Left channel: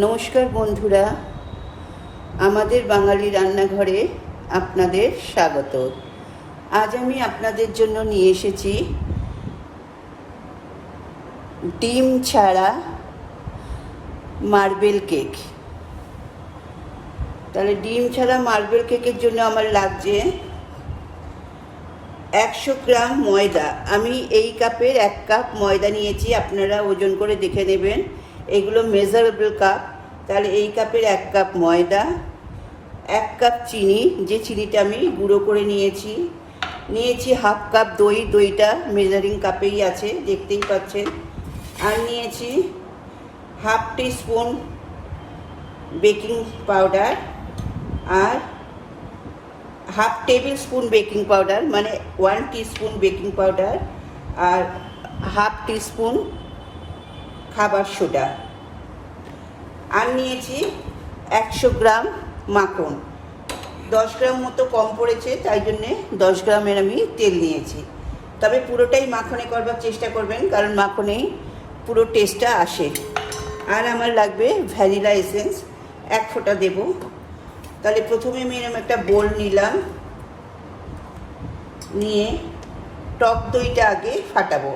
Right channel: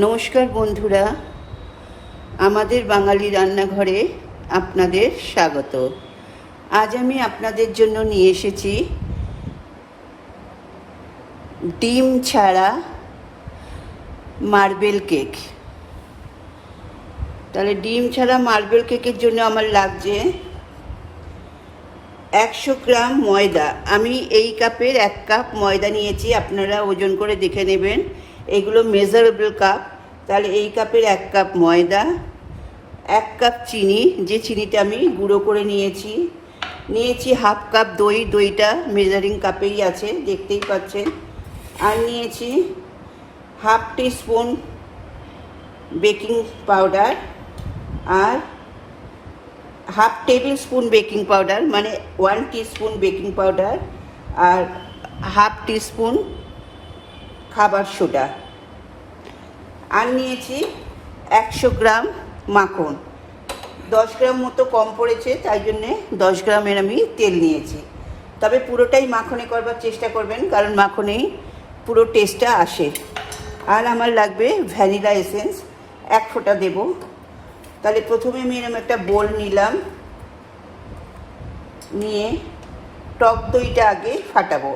নমস্কার বন্ধুরা, আমাদের বাঙালি রান্নাঘরে আপনাদের স্বাগত। আজ আমি আপনাদের জন্য নিয়ে এসেছি ডিম ছাড়া মার্বেল কেক। তাহলে ডিম ছাড়া মার্বেল কেকের জন্য আমার লাগছে 100 গ্রাম ময়দা। আমি এই কাপের 1 কাপ ময়দা নিয়েছি, আপনারা ওজন করে দেখে নেবেন, এগুলো মেজারেবল কাপ। তাহলে এই কাপের 1 কাপ ময়দা, 1 কাপ চিনি, যে চিনিটা আমি গুঁড়ো করে নিয়েছি, 1/2 কাপ দই, দইটা মেজারিং কাপেই আছে, দেখতেই পাচ্ছেন। আর নিয়েছি 1/2 টিস্পুন বেকিং পাউডার, আর 1/2 টেবিল স্পুন বেকিং পাউডার, মানে 1 টিস্পুন বেকিং পাউডার, আর 1/2 টিস্পুন খাবার সোডা। আর নিয়েছি 100 গ্রাম মাখন। 10 গ্রাম মতো কম পড়েছে, তাই জন্যে 10 গ্রামের আমি তেল নিয়েছি। তবে পুরোটাই মাখনে করবার চেষ্টা করবেন, কারণ মাখনেই পুরো টেস্টটা আসে। আর আমার লাগবে ভ্যানিলা এসেন্স, 1 ফোঁটা দেব। তাহলে প্রথমে আমি এরকম একটা বোল নিলাম, নিয়ে টক দইটা আগে ফাটাবো।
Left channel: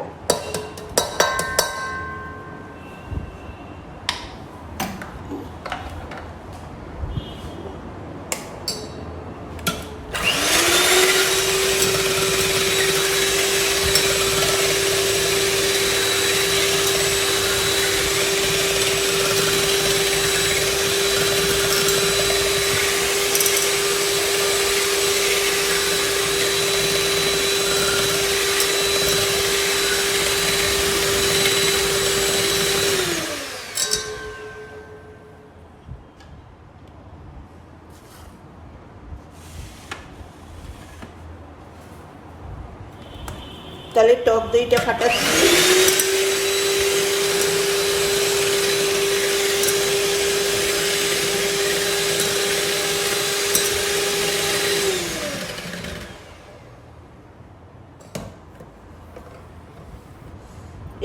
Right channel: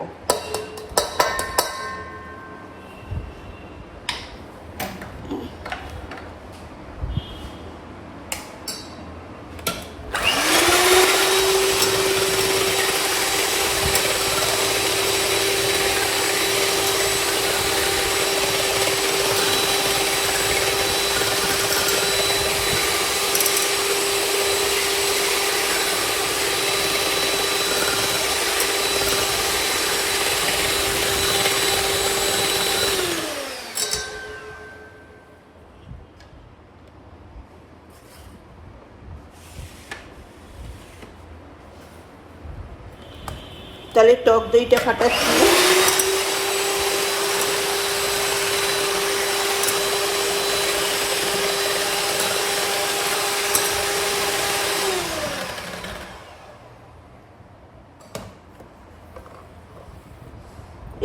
তাহলে টক দইটা ফাটাচ্ছি।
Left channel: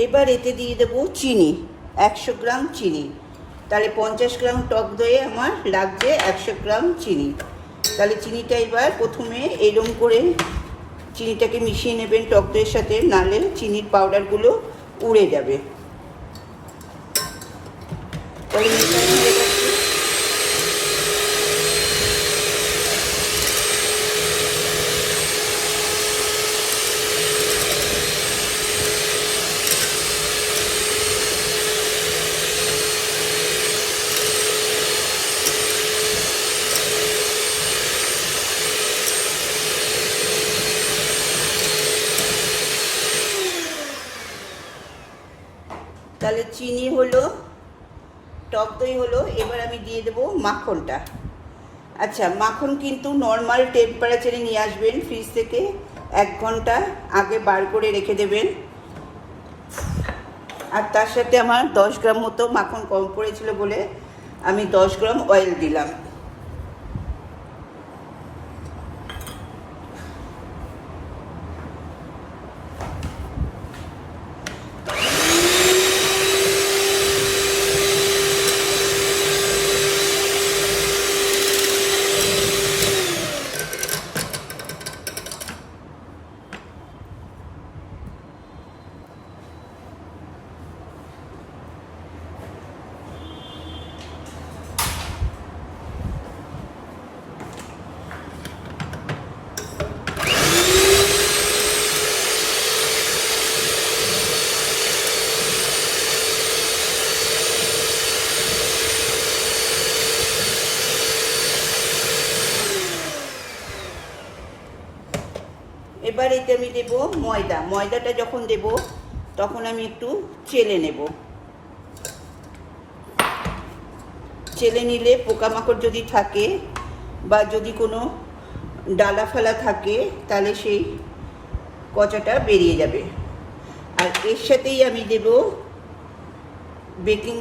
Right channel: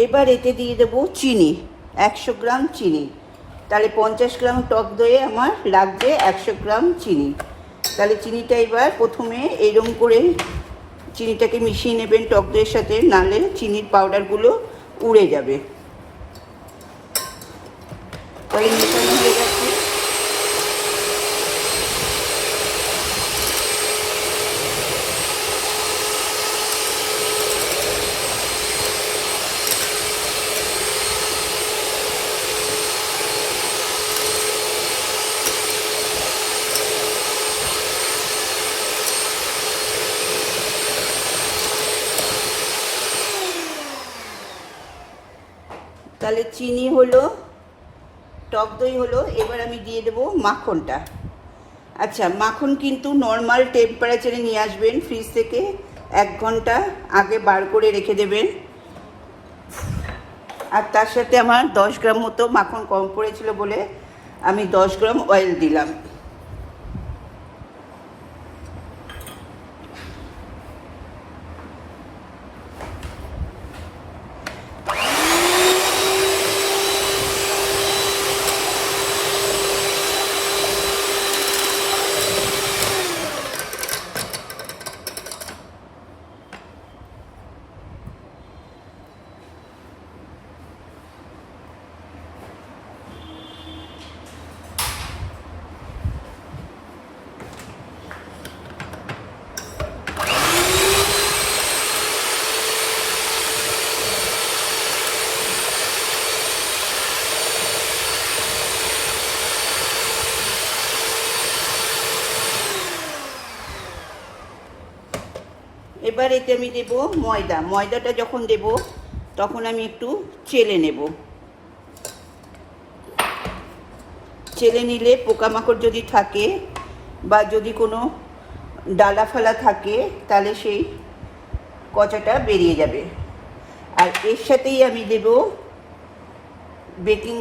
এবার এতে দিয়ে দেবো চিনি, 100 গ্রাম চিনি। তাহলে 50 গ্রাম টক দইয়ে আমার লাগছে 100 গ্রাম চিনি। তাহলে চিনিটা এবার প্রথমে এরকম করে চিনিটাকে মিশিয়ে নেবেন টক দইয়ের সাথে, নাহলে চিনির পাউডারগুলো উড়ে যাবে। তাহলে চিনি হলো, টক দই হলো, এবার আমি দিয়ে দেবো মাখনটা। আচ্ছা, মাখন কিন্তু নর্মাল টেম্পারেচারে নিয়ে আসবেন ফ্রিজ থেকে, 1 ঘন্টা আগে বার করে রেখে দেবেন। আর তার সাথে আমার 10 গ্রাম মতো মাখন কম পড়েছিল বলে আমি 10 গ্রাম অয়েল দিলাম। এবার এতে আমি দেবো ময়দা। ময়দাটা যখন দেব তখন আমি একটু চেলে নেব। চেলে নিলে পোকামাকড় যদি থাকে বা যদি কোনো ডালা ফালা থাকে, তাহলে সেই কচাটা বেরিয়ে যাবে। আর এর সাথেই আমি দেব baking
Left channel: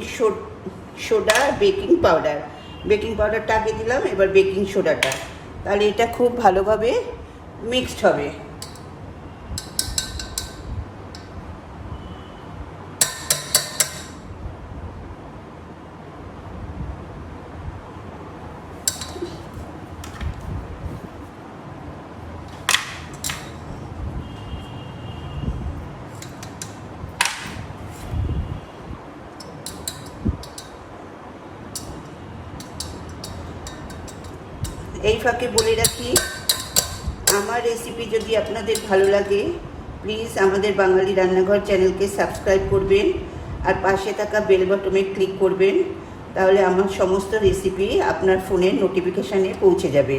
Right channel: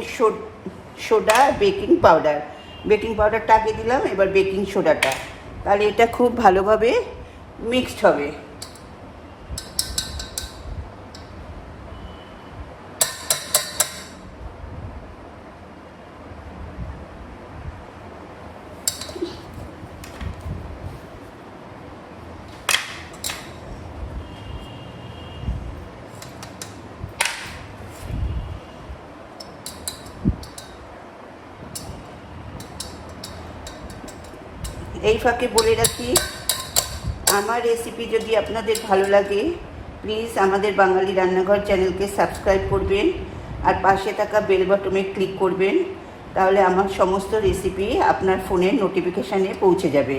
soda, baking powder. Baking পাউডারটা আগে দিলাম, এবার বেকিং সোডাটা। তাহলে এটা খুব ভালোভাবে মিক্সড হবে। এই ফাঁকে বলে রাখি, আমার রেসিপি যদি আপনাদের ভালো লাগে প্লিজ আমাদের বাঙালি রান্নাঘর চ্যানেলকে সাবস্ক্রাইব করবেন আর পাশে থাকা বেল বাটনে ক্লিক করবেন, তাহলে আমার সমস্ত রেসিপি আপনার ফোনের নোটিফিকেশানে পৌঁছে যাবে।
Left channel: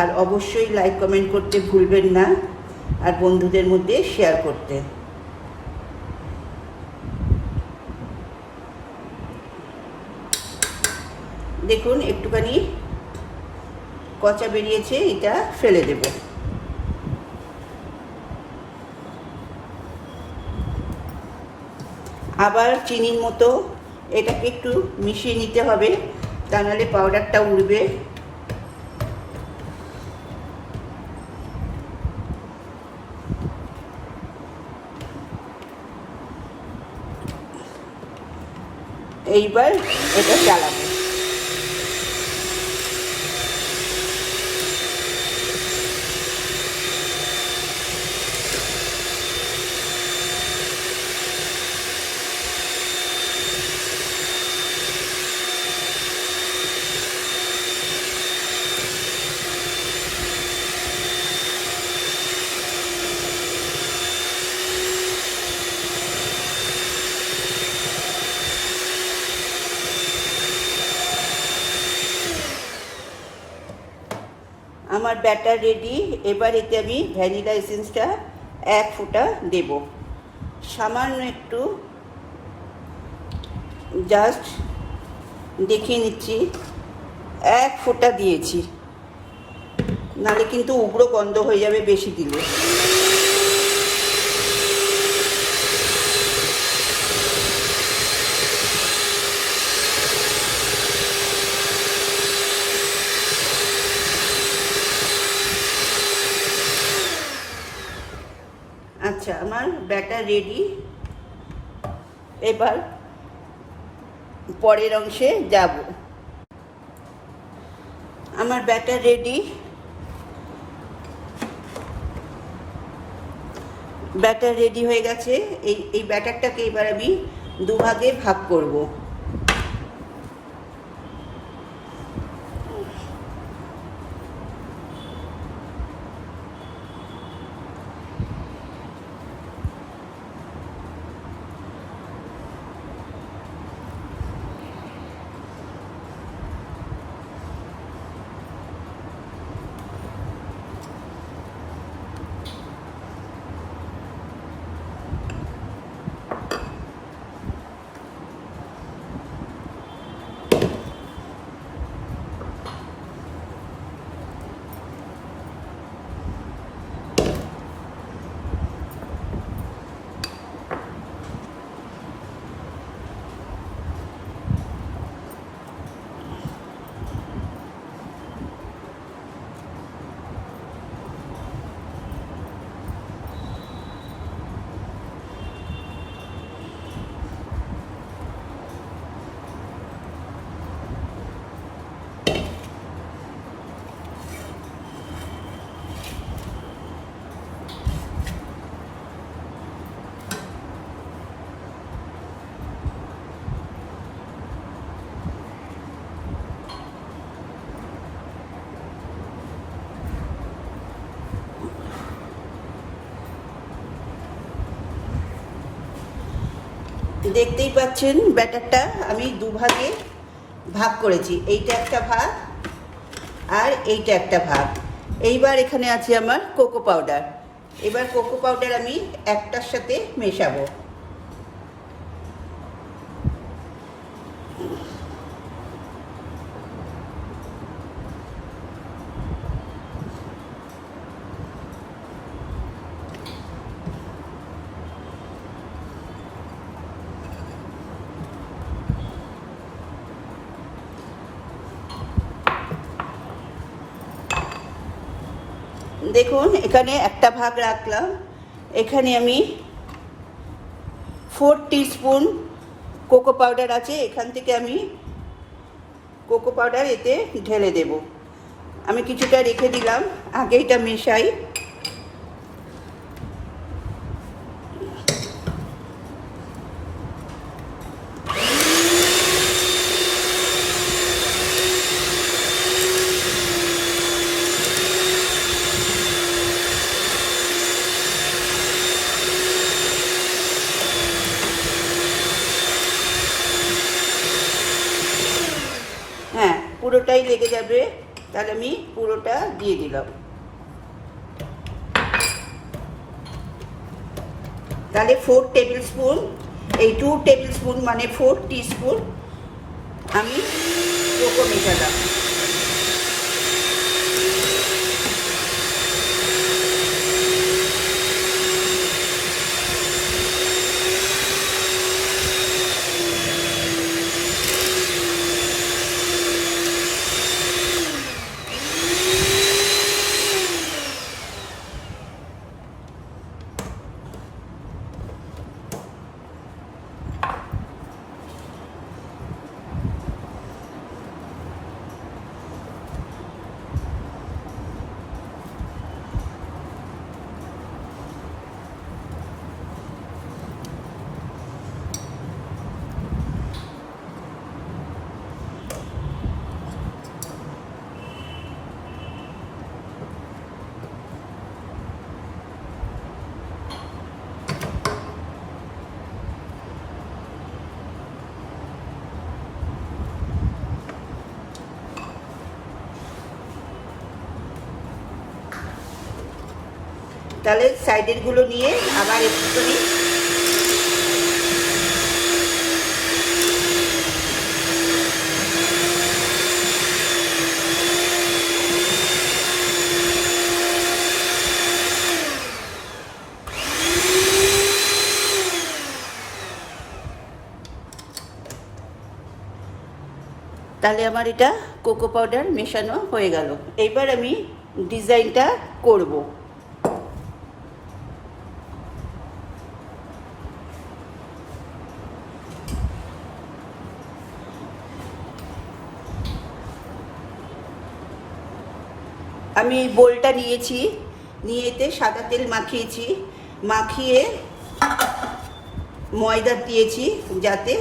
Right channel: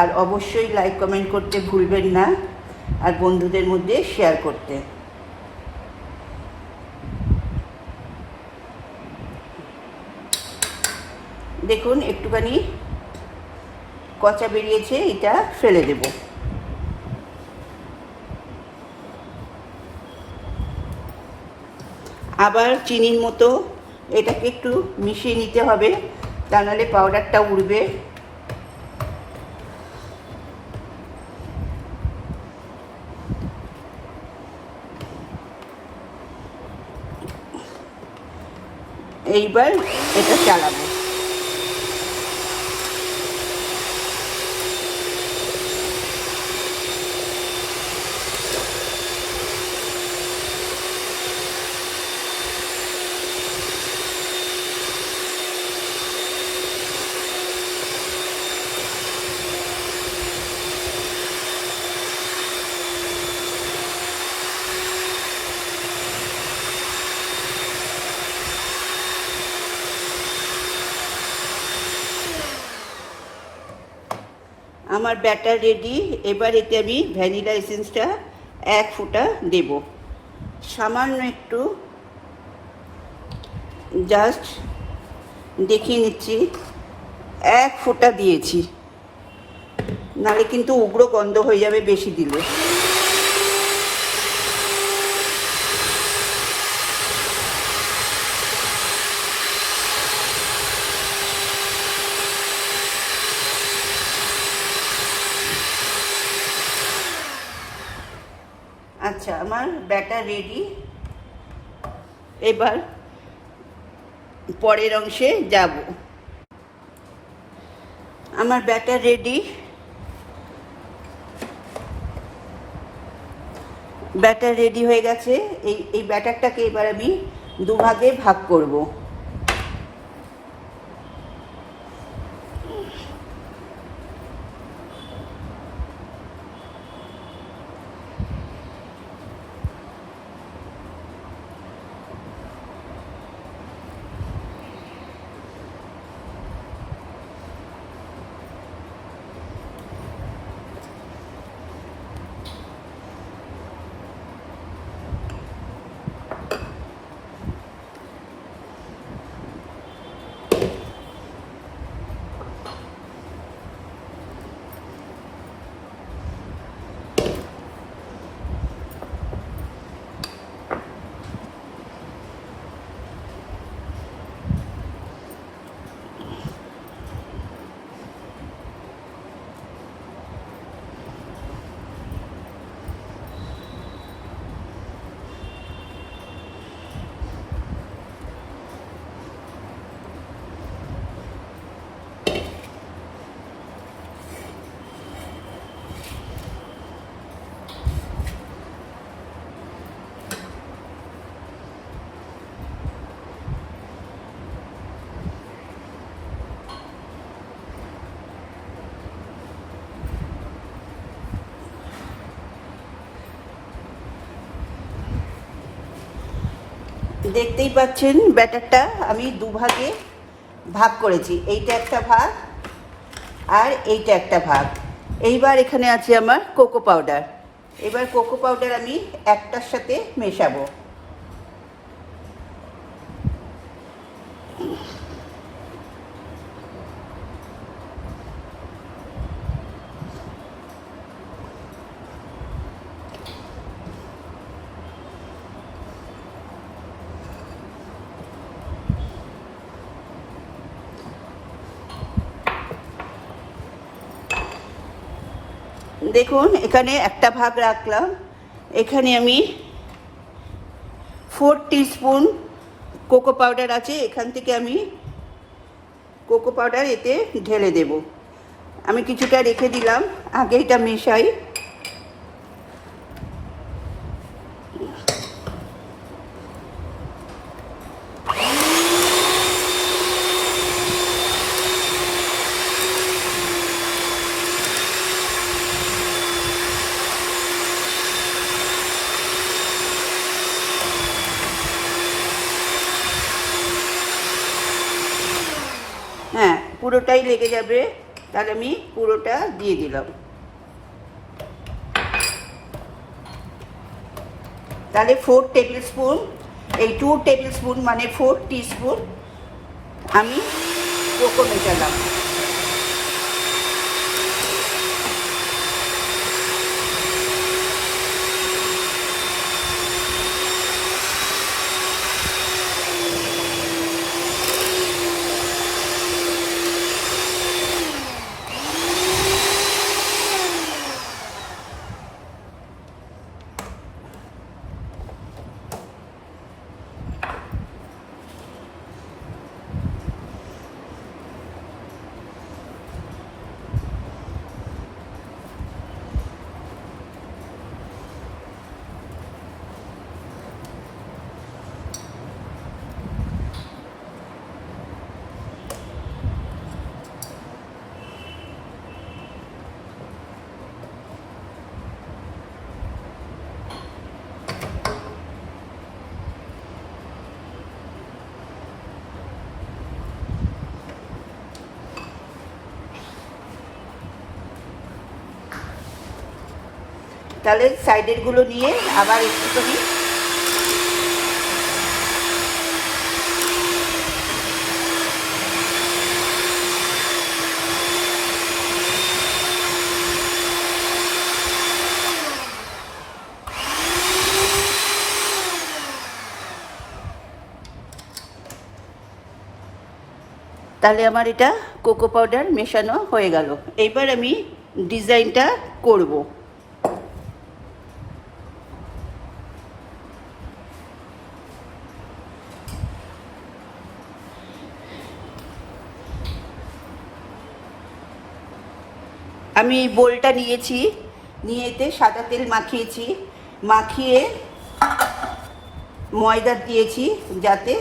আর অবশ্যই লাইক কমেন্ট করতে ভুলবেন না আর বন্ধুদের মধ্যে শেয়ার করতে। দেখুন একটুখানি কচা বেরিয়েছে, এটা ফেলে দেব। আবার চিনির মতো এটাকে একটু মিশিয়ে নিতে হবে, তা নাহলে পাউডারটা উড়বে। এইবার এটা চালাবো। আমার ব্যাটার রেডি। এবার এতে আমি ভ্যানিলা এসেন্সটা 1 ফোঁটা দেব, সামান্য একটু, জাস্ট দেখিয়ে নিচ্ছি। 1 ফোঁটা দিয়েছি, নাহলে কিন্তু উগ্র গন্ধ হয়ে যাবে বেশি দিলে। আচ্ছা, আমার ব্যাটার রেডি। এবার পরের অংশে যাব। আমার ব্যাটার রেডি। ব্যাটার রেডি হয়ে গেছে। এই ব্যাটারটাকে এবার আমি দুভাগে ভাগ করব। দেখতেই পাচ্ছেন ব্যাটারটা আমি দুভাগে ভাগ করেছি, এইটা একটা ভাগ আর এইটা একটা ভাগ। এইবার এখানে আছে আমার কোকো পাউডার। এবার কোকো পাউডার আমি একটার সাথে মেশাবো। দেখুন এখানে একটা ভাগ রাখলাম, এখানে আমি 4 টিস্পুন কোকো পাউডার আছে, এখান থেকে আমি কোকো পাউডার এতে ঢেলে দেব। আমি কিছুটা রেখে দিলাম, আগে এটা মেশাই। পুরোটাই লেগে যাবে, তাহলে আমি পুরোটা দিয়ে দিলাম। তাহলে 4 টেবিল স্পুন, এই 2 টেবিল স্পুন মানে 4 টিস্পুন আমি কোকো মেশালাম। তাহলে সাইডের গুলো নিয়ে আবার একটুখানি তাহলে আমার এটা কোকো পাউডার মেশানো হয়ে গেল। এবার আমি ডিজাইনটা করব। আমি বোলটা নিয়েছি, নিয়ে এতে সাদা তেল মাখিয়েছি, মাখিয়ে ময়দা দিয়েছি যাতে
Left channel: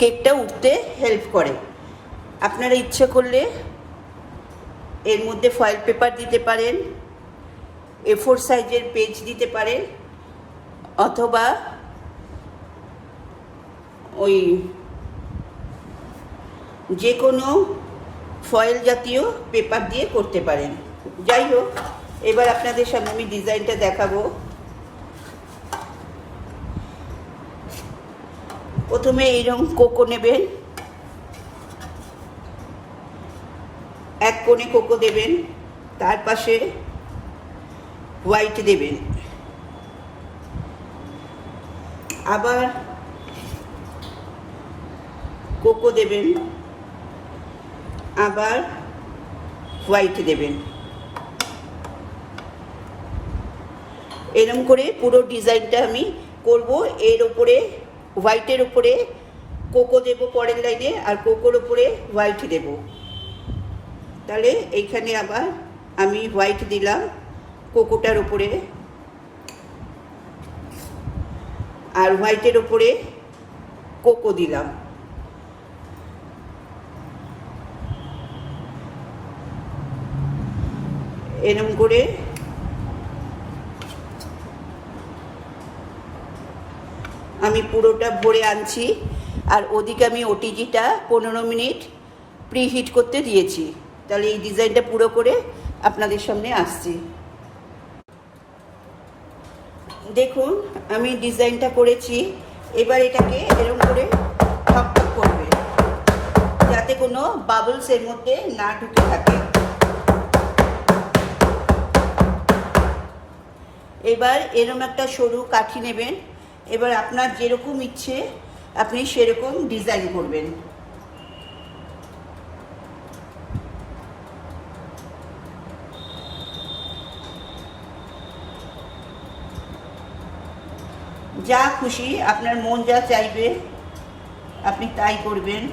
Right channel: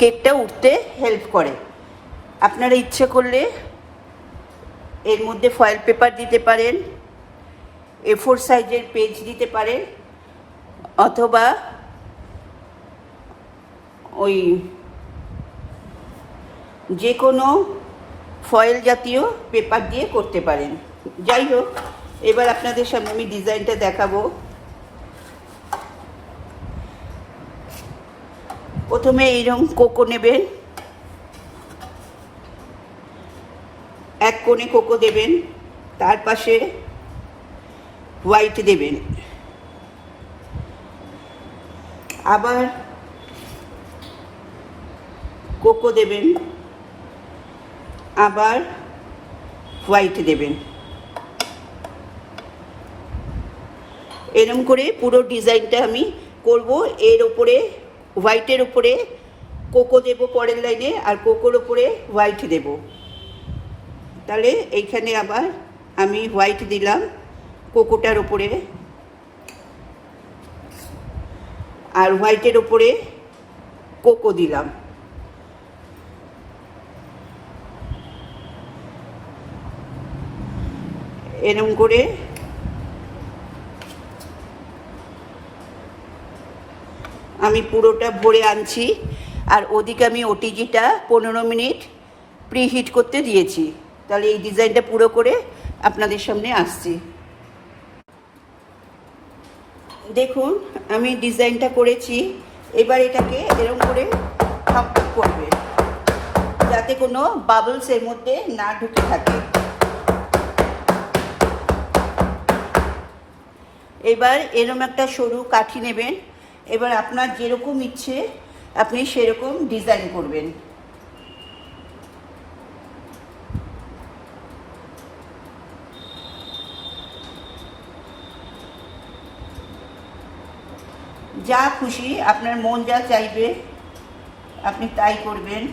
কেকটা উঠতে হেল্প করে। আপনারা ইচ্ছে করলে এর মধ্যে ফয়েল পেপার দিতে পারেন, A4 সাইজের পেজ দিতে পারেন, অথবা ওই যে কোনো ফয়েল জাতীয় পেপার দিয়ে করতে পারেন। যাই হোক, এবার আপনাদের সামনে আমি ডিজাইনটা দেখাবো। প্রথমে এইরকম কোকো নেবেন, এক কোণে কোকো দেবেন, তার পাশে হোয়াইট দেবেন, আবার কোকো দেবেন, আবার হোয়াইট দেবেন। এরকম করে পুরো ডিজাইনটা আমি করব। এর ওপরে হোয়াইটের উপরে কোকো দেব পরের লাইনে, আর কোকোর ওপরে হোয়াইট দেব। তাহলে এইখানে আবার আমি হোয়াইট দিলাম কোকোটার ওপরে, আর হোয়াইটের ওপরে কোকো দিলাম। এরকম করে আমি পুরোটা ভরে আনছি, আর ওদিকে আমি ওটিজিটা 15 মিনিট প্রিহিট করতে দিয়েছি। তাহলে এই ডিজাইনটা পুরো করে আপনাদের সামনে আসছি। দেখুন আমি ডিজাইনটা করেছি। এবার এটাকে এরকম করে ঠক করবে যাতে কোনো বাবলস এর মধ্যে না ঢুকে থাকে। এবার এরকম একটা সরু কাঠি নেবেন। এবার আপনার যেরকম ইচ্ছে আপনি সেরকম ডিজাইন করবেন। যা খুশি, আপনার মন যা চাইবে আপনি তাই করবেন।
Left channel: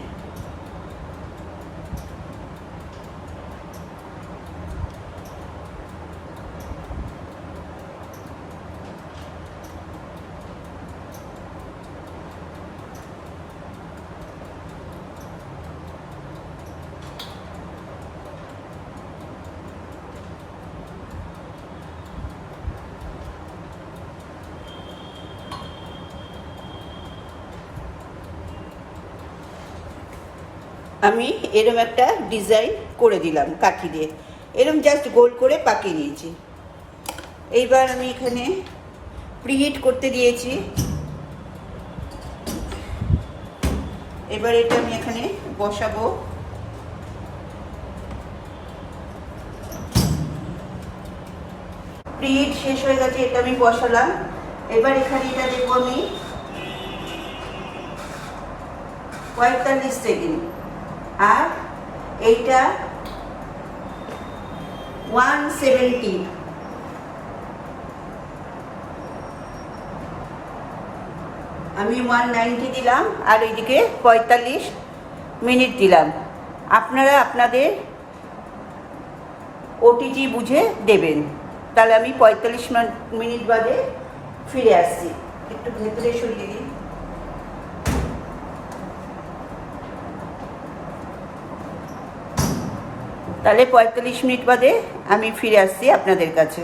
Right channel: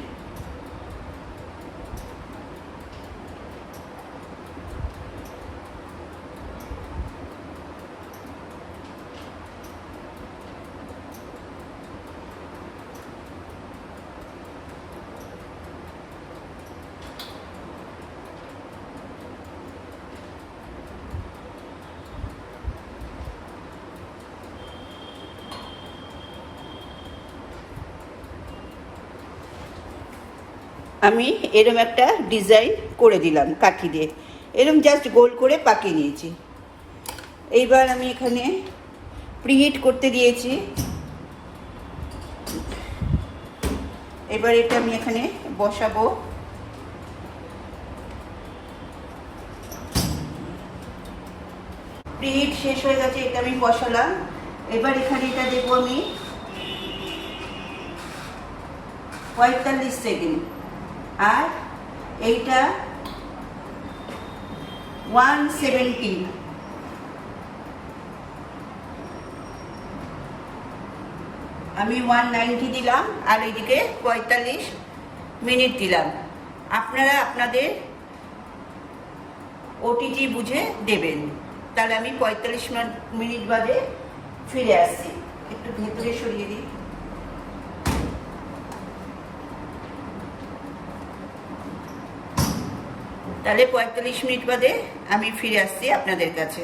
আমি এরম একটা ডিজাইন করে দিলাম কাঠি দিয়ে, এরম জাস্ট গোল করে পাকিয়ে নিয়েছি। এইবার আমি এখানে প্রিহিট করতে দিয়েছি। এবার এটা আমি এখানে বসাবো। প্রিহিট শেষ হয়ে গেছে, এটা আমি বসালাম। এবার এখানে এটা দেবো আমি 45 সেকেন্ড, আর এইটা 170। আমি 190 দিলাম, আর এইদিকে 45 মিনিট দিলাম। আপনারা আপনাদের ওটিজি বুঝে দেবেন। তাহলে আমি 45 মিনিট বাদে ফিরে আসছি। একটু ভেতরে সরিয়ে দিই। তাহলে 45 মিনিট বাদে আমি ফিরে আসছি আপনাদের কাছে।